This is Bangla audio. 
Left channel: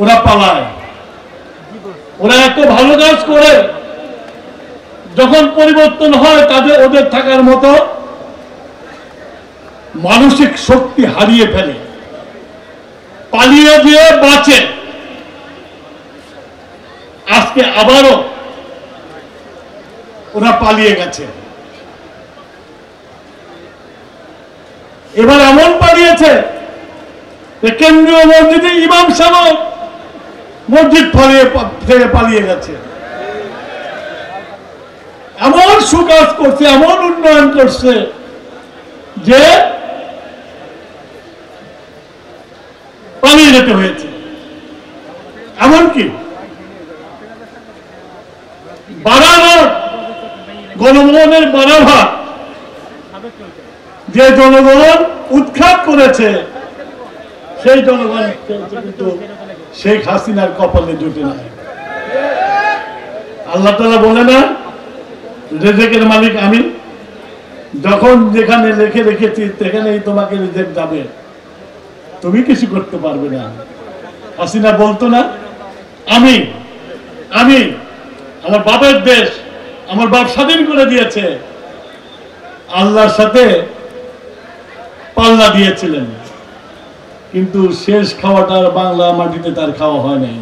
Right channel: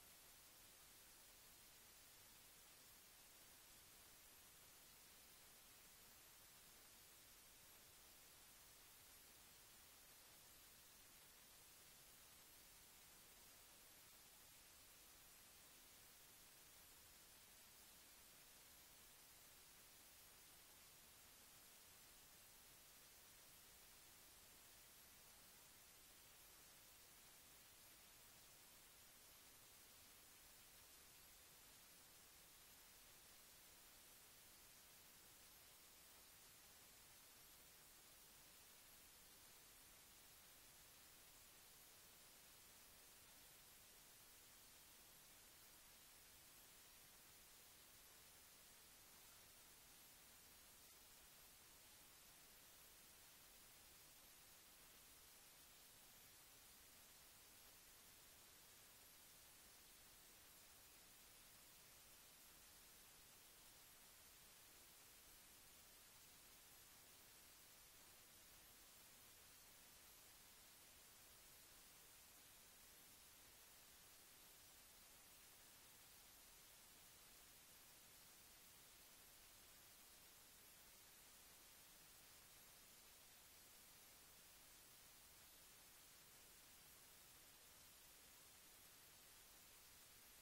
ওরা পালায়। ওরা এত ভালো কাজ করে, যখন পরিবর্তন হয় তাদের ওদের থাকার মতো মানসিক শক্তি হারিয়ে ফেলে, পালিয়ে দিয়ে বাঁচে। আজকে আবারও ওরা পালিয়ে গেছে। এবার এমন পালিয়েছে যে কেন্দ্রীয় মসজিদে ইমাম সাহেব মসজিদ থেকে পালিয়ে গেছে। এমন সুকাজ করছে, এমন উন্নয়ন করছে যে পালিয়ে যেতে হয়েছে। এমনকি বাড়াঘাট গণভবনের বাড়াঘাট যে জনগণ উৎখাত করেছে, সেই জনগণ কিন্তু শেখ হাসিনার কপালে জুটে নাই। আল্লাহ তাআলা বলে না, রিজিকের মালিক আমি, যখন যেখানে লিখে রেখেছি সেখানেই তোমাকে রিজিক যাবে, তুমি কিছু করতে পারবে না। হাসিনা বলতো না, আমি আমি আমার বাপের দেশ, আমার বাপ স্বাধীন করে দিয়েছে। আল্লাহর সাথে পাল্লা দিয়েছিলেন, কিন্তু শেষ খাওয়াটা বাংলা মাটিতে তার খাওয়া হয় নাই।